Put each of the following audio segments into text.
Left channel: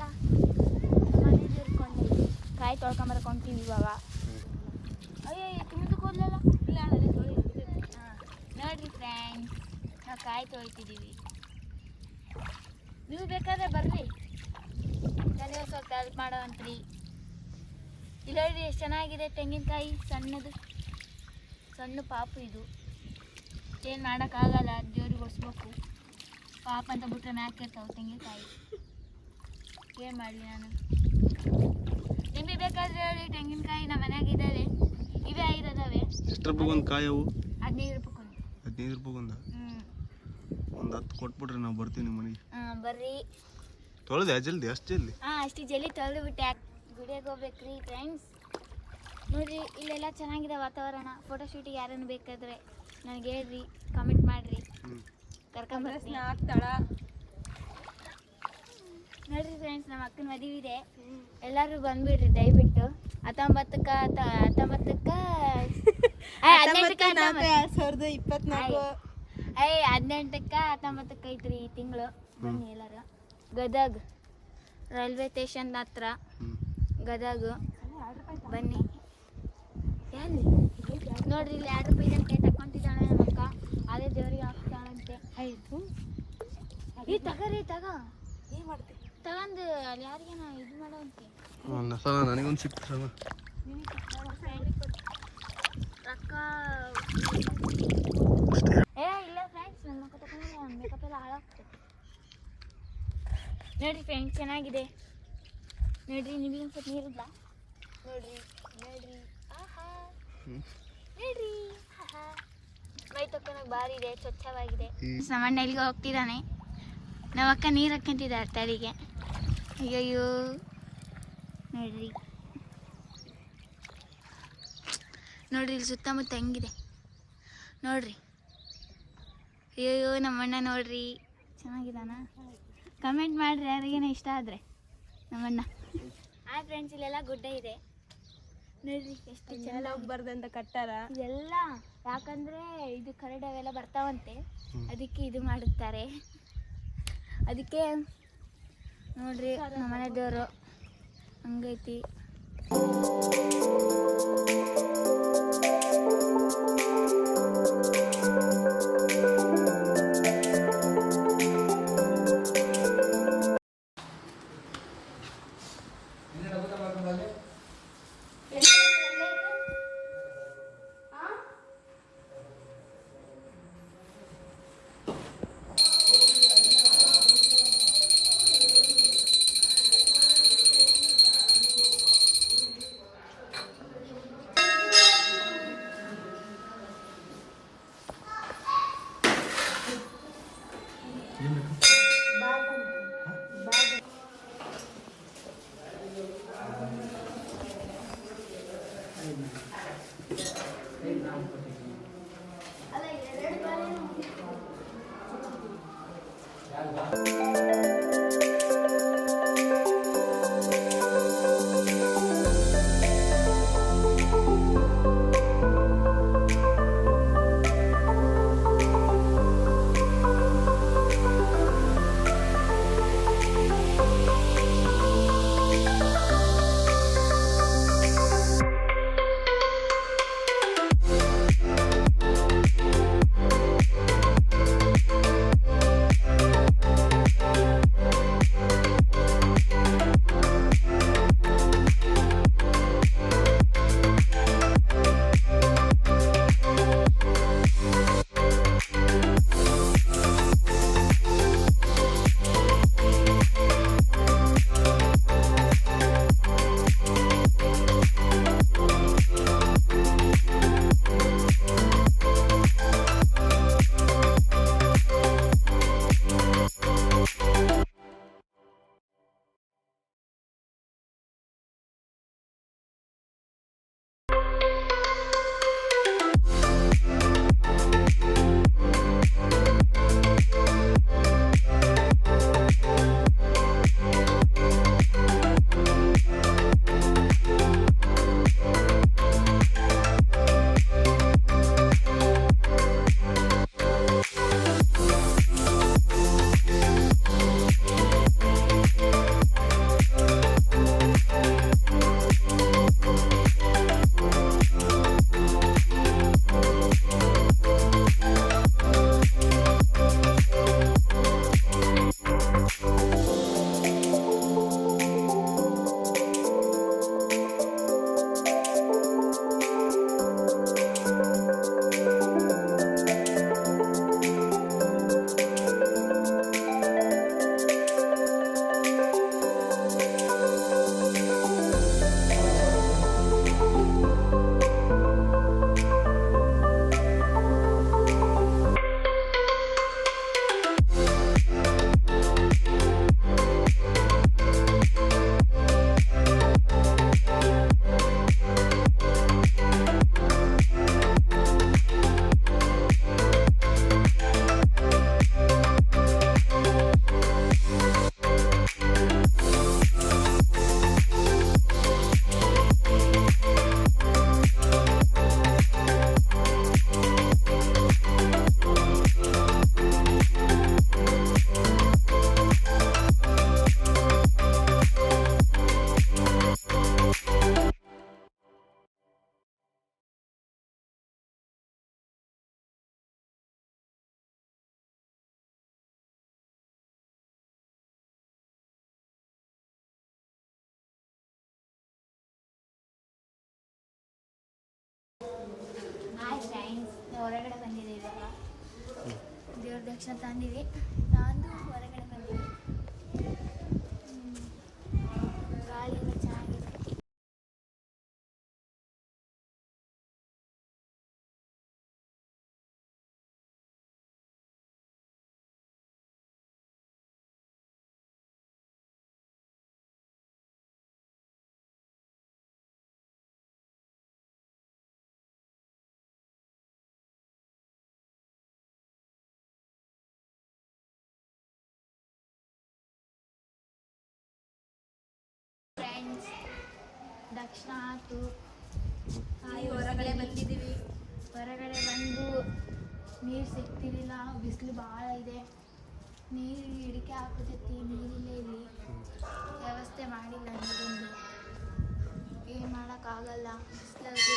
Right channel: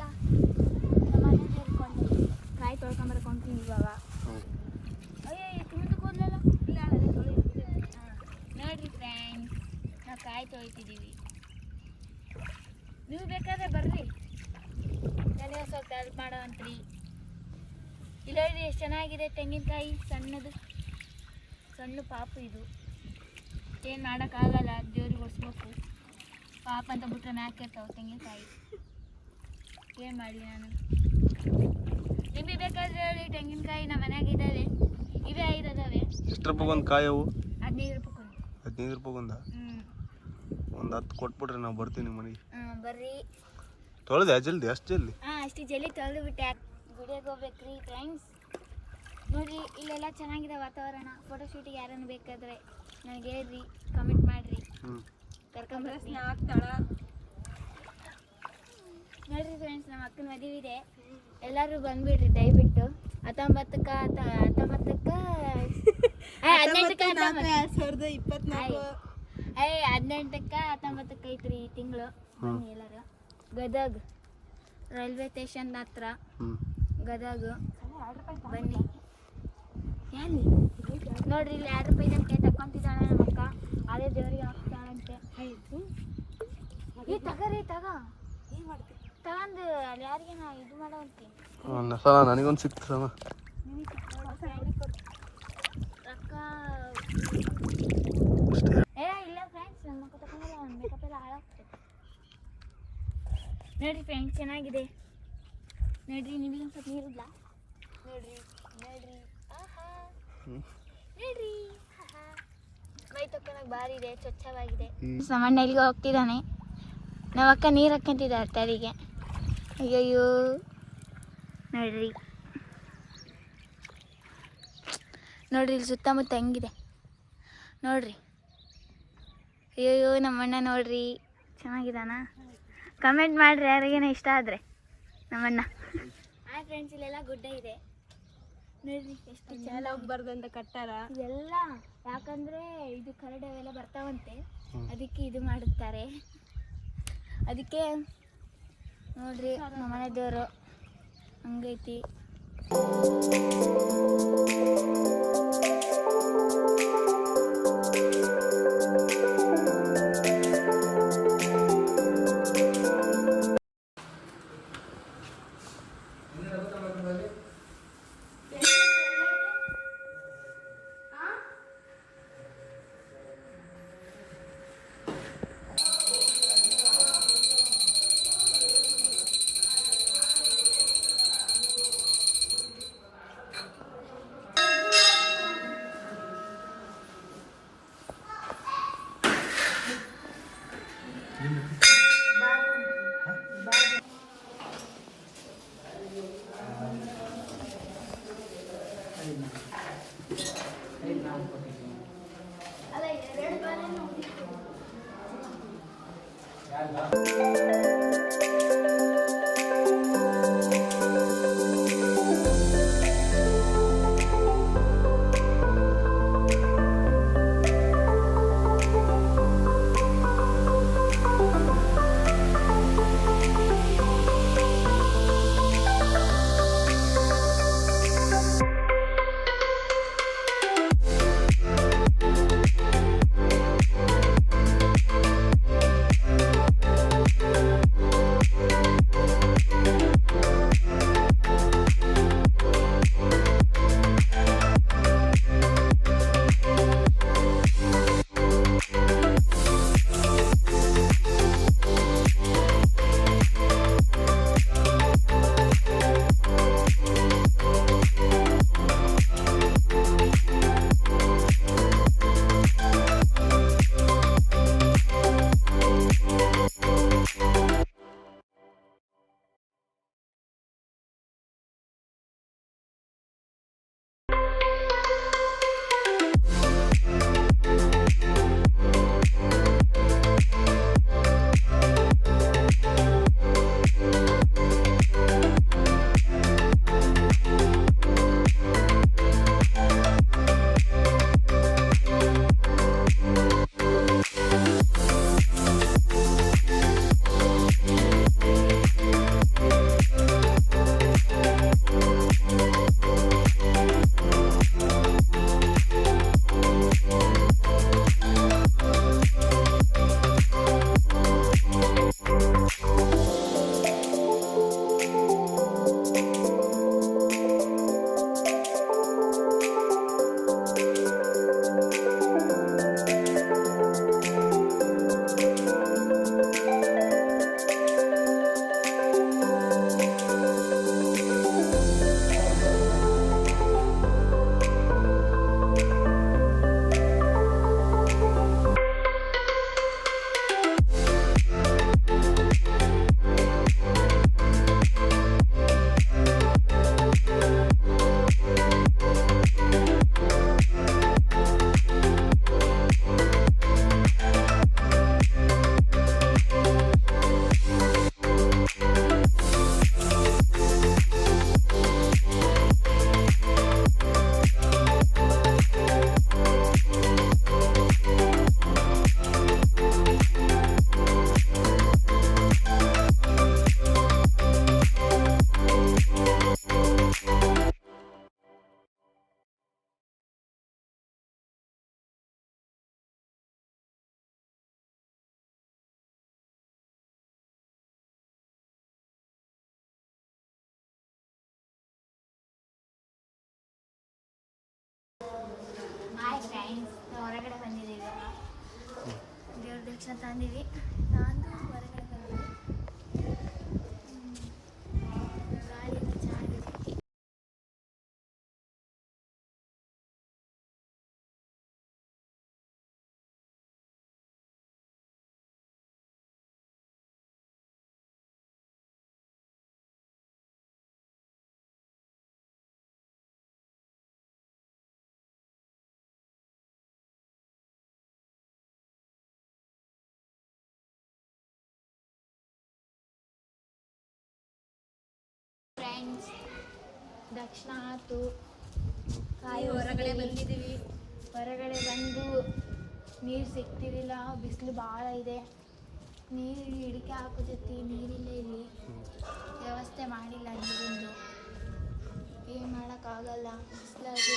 ಬಾ ಮನೆ ಸೇರ್ಕೊಂಡು ಕಾಯಿ ತೊಳ್ಕೊಂಬರ್ಕೊಂತೀನಿ ಇವಾಗ. ಅಯ್ಯೋ ತುಂಬ ಕೂದಲಲ್ಲ ಇಲ್ಲ ನೋಡ್ರಿ ಫ್ರೆಂಡ್ಸ್, ನಾವು ಕಾಯಿ ತೊಳಿತಿದ್ದೀವಿ. ನೀವು ಬೇಕಾದ್ರೆ ಬರ್ರಿ, ನನಗೆ ಸ್ವಲ್ಪ ಹೆಲ್ಪ್ ಮಾಡೋವಂತ್ರಿ. ಇಲ್ಲ ಹೇಳ್ರಿ ಎಷ್ಟು ಚೆನ್ನಾಗಿದೆ ತೆಂಗಿನಕಾಯಿ, ಸಣ್ಣದು ಸಣ್ಣ ಪಾಪು. ಇದು ಏನು ಮಾಡೋಕ್ಕಾಗಲ್ಲ, ದೇವ್ರಿಗೆ ಹೊಡ್ಸ್ಬೇಕು. ಪಾಪ ಅಂತ ಬಿಟ್ರೆ ಮ್ಯಾಕಿರ್ತಾವೆ ತೆಂಗಿನಕಾಯಿ. ಏನು ಮಾಡಲಿ ನಾನು? ನಿಮಗೆ ಬೇಕಾದ್ರೆ ಹೇಳಿ, ತೆಂಗಿನಕಾಯಿ ನಮ್ಮ ಮನ್ಯಾಗ ಇದ್ದಾವೆ, ಇವೇ ಇದಾವೆ. ಎಷ್ಟು ರೂಪಾಯಿ ಒಂದು ಕಾಯಿ ಅವು? 15 ರೂಪಾಯಿ. 15 ರೂಪಾಯಿ ಒಂದ? ಒಂದು 10 ಕೊಟ್ಬಿಟ್ರೆ ನಾವು ಬರ್ತೀವಿ ಮನೆಗೆ. ಬರ್ರಿ. ತೊಳೆದೆ ಜಲ್ದಿ, ಅಷ್ಟು ಜಲ್ದಿ? ಅಷ್ಟು ಜಲ್ದಿ ತೊಳೆದು ಬಿಟ್ಟೆ. ಗುಡಿಯಾಗ ಹೋಗ್ಬೇಕ್ರಿ ಫ್ರೆಂಡ್ಸ್. ನೋಡ್ರಿ ಇಲ್ಲೆಲ್ಲ ಚೆನ್ನಾಗಿದೆ ವಾತಾವರಣ. ಫೋಟೋಶೂಟಿಗೆ ಯಾರನ್ನು ಬೇಕಾದ್ರೆ ನನಗೆ ಹೇಳ್ರಿ, ಕಮೆಂಟ್ ಮಾಡಿರಿ, ಕರ್ಕೊಂಬರ್ತೀನಿ. ನೋಡ್ರಿ ಫ್ರೆಂಡ್ಸ್, ನಮ್ಮ ಅಕ್ಕನ ಮದುವೆ ಇದೆ, ಎಲ್ಲರೂ ಬಂದ್ಬಿಡ್ರಿ ದಯವಿಟ್ಟು. 19ಕ್ಕೆ 19ಕ್ಕೆ 19ಕ್ಕೆ ಐತ್ರಿ ಈ ತಿಂಗಳು. ಬನ್ನಿ ಎಲ್ಲರೂ. ಗದಗ್ ರೈಲ್ವೆ ಸ್ಟೇಷನ್ ಹತ್ರ ಗದಗ ಬನ್ನಿ. ನೋಡ್ರಿ ಇಲ್ಲಿ 2 ರೂಪಾಯಿ ಅಂತ ತಕೊಂತಿದ್ದಾಳೆ ನಮ್ಮ ಅಕ್ಕ. ಅದೇ ದೇವ್ರಿಗೆ ಹಾಕ್ತಾಳಂತೆ. ಈ ತಗರಿ ತಗ ಏನು ಮಾಡ್ತೀವಿ ತಗೊಂಡು ಅಲ್ಲಿ ಯಾರಿಗೆ ನಾವು ಇದು ಮಾಡೋ ನನಗೊಂದು ಸಿಕ್ತಮ್ಮ ರೊಕ್ಕ. ಇಲ್ಲ ಫ್ರೆಂಡ್ಸ್, ನಮ್ಮ ಅಕ್ಕ ತಗೊಂಡ್ರೆ ಮೇಕಪ್ ಎಲ್ಲ ಹಾಳಾಗ್ತದೆ. ನೋಡ್ರಿ ಫ್ರೆಂಡ್ಸ್, ಚೆನ್ನಾಗಿದೆ ನೋಡ್ರಿ. ನಿಮಗೆ ಒಂದು ಸ್ವಲ್ಪ ನೀರಿಲ್ಲ ನೋಡ್ರಿ. ನೋಡ್ರಿ ಆಹಾ, ನೋಡ್ರಿ ಆಹಾ, ಮೈ ತಕ್ಕೊಳಕ್ಕೆ ಭಾರಿ ಇದೆ, ಸ್ವಚ್ಛವಾಗಿದೆ. ಸಾಮಾನ್ಯ ಎಲ್ಲಿಗೆ ಹೋಗ್ತಿದ್ದಾನೆ. ನಮ್ಮ ಅಕ್ಕ ನೀರು ಹಾಕ್ಕೊಂತಿದ್ದಾರೆ ತಲೆಗೆ. ಅಯ್ಯಯ್ಯೋ ನೋಡ್ರಿ. ನೋಡ್ರಿ ಇಲ್ಲಿ ಸುತ್ತಮುತ್ತ ಹೆಂಗಿದೆ ನೋಡ್ರಿ. ಅಯ್ಯಯ್ಯೋ ನಮ್ಮಣ್ಣ ನೋಡ್ರಿ, ಚೆನ್ನಾಗಿದ್ದಾನ? ಕಮೆಂಟ್ ಮಾಡಿರಿ ಯಾರಿಗೇನೋ ಇಷ್ಟ ಆದರೆ ನಮ್ಮಣ್ಣ. ಫ್ರೆಂಡ್ಸ್, ಇಲ್ಲೆಲ್ಲ ಗುಡ್ಡ ಇದೆ ನೋಡ್ರಿ, ಎಷ್ಟು ಚೆಂದ ಬರ್ದಂತ ಕಟ್ಟಾರ ಇದೆಲ್ಲ. ಯಾಕಂದ್ರೆ ಇದು ಕರಡಿ ಅವೆಲ್ಲ ಬರ್ತಾವಂತೆ, ಅದಕ್ಕೆ ಇದು ಮಾಡುತ್ತಾರೆ. ಅದಕ್ಕೆ ನೋಡ್ರಿ ನಮ್ಮನೆ ದೇವರು ಹಂಗೈತಿ. ಹಾಯ್ ಫ್ರೆಂಡ್ಸ್, ಹೊರಗಡೆ ಬಂದಿದ್ದೀವಿ ಇವಾಗ. ದೇವ್ರ ದಕ್ಷಿಣ ತಂದಿವಿ, ತಂದು ಹೊರಗಡೆ ಬಂದಿವಿ. ಗಾಳಿ ಎಲ್ಲ ಚೆನ್ನಾಗಿದೆ. ಫ್ರೆಂಡ್ಸ್, ದಕ್ಷಿಣ ಆಯ್ತು, ಕಾಯಿ ಹೊರಗಡೆ ಬಂದಿದ್ದೀವಿ. ಹೊರಗಡೆ ಬಂದು ನೀರು ಸಿಗ್ತಿರಲಿಲ್ಲ, ಬಿಸಿಲು ಭಾಳ ಇದೆ. ನೀರು ಹಿಡಿಕೆ ಹಾಕೋದಕ್ಕೆ ನೀರಿಲ್ಲ, ಇಲ್ಲಿ ವ್ಯವಸ್ಥೆ ಮಾಡಿಲ್ಲ ನೀರಿಂದು. ಏನು ಮಾಡೋಕ್ಕಾಗಲ್ಲ, ಬಿಸಿಲಾಗಿ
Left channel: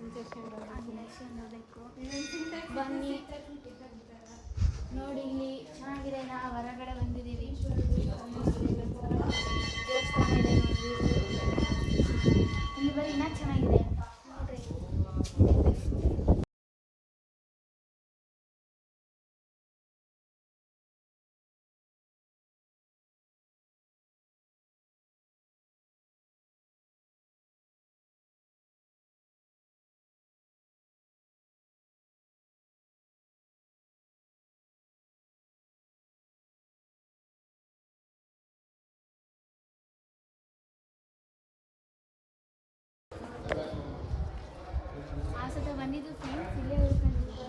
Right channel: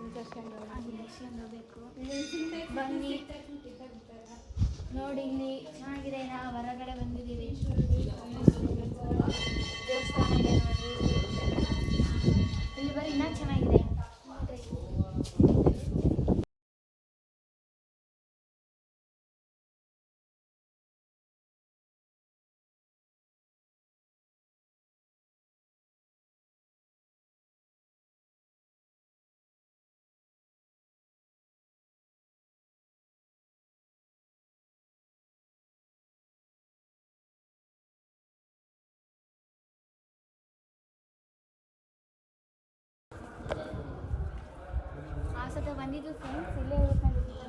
ಇಂಜೆಕ್ಷನ್ ಹೋಗಬೇಕು. ಬನ್ನಿ ನೋಡಿ, ಇಲ್ಲಿ ಚೆನ್ನಾಗಿದೆ. ನಾವು ಹೊರಗಡೆ ಬಂದಿದ್ದೀವಿ. ದೇವಸ್ಥಾನ ಇದೆ ನೋಡ್ರಿ, ಇಲ್ಲಿ ಬರೀ ಇನ್ನೂ ಚೆನ್ನಾಗಿದೆ ನೋಡ್ರಿ. ಆ ಸತಿ ಬಂದಿದ್ದು ಫ್ರೆಂಡ್ಸ್, ಇಲ್ಲೇ ಉಳ್ಕೊಂಡಿದ್ದೀವಿ.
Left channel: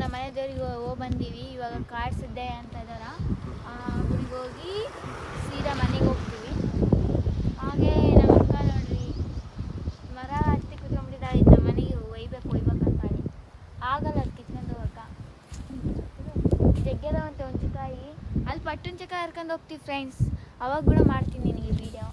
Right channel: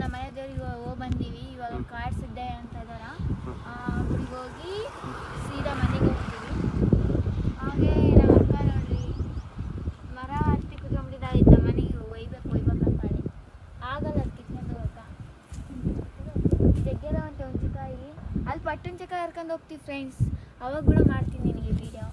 ನಮ್ಮ ಮನೆ ದೇವ್ರಿಗೆ ಹೋಗಿ ಬಂದೀವಿ. ಇವಾಗ ಕಾಡ್ಸಿದ್ದೆ ಅಂತ ಇದಾರ, ಊರಿಗೆ ಹೋಗಿ ಸೀದಾ ಮನೆಗೆ ಹೋಗ್ತೀವಿ. ಹಾಗೆ ನಮ್ಮ ಅಕ್ಕ ನೋಡ್ರಿ, ಮರ ಹತ್ತಿ ಕಿತ್ಕೊಂಡ್ಬಿಟ್ಟಿದ್ದಾವೆ. ನಮ್ಮ ಮನೆಗೆ ಒಯ್ಬೇಕಂತಾಳೆ, ಆಗಲ್ಲ ಅದು ಕಿತ್ಕೊಂಡು ಹೋಗಕ್ಕ. ಜಗ್ಗೆದ ಅಂತ ಹುಂಚಿಕಾಯಿ, ಅಲ್ಲಿ ಪಟ್ಟುಂಚಕಾಯಿ ಹರ್ಕೊಂಡು ಹೋಗ್ತೀವಿ ಫ್ರೆಂಡ್ಸ್. ಅವಾಗ ಕೂಡ ಮಾಡ್ತೀನಿ ನಿನಗೆ ವಿಡಿಯೋ.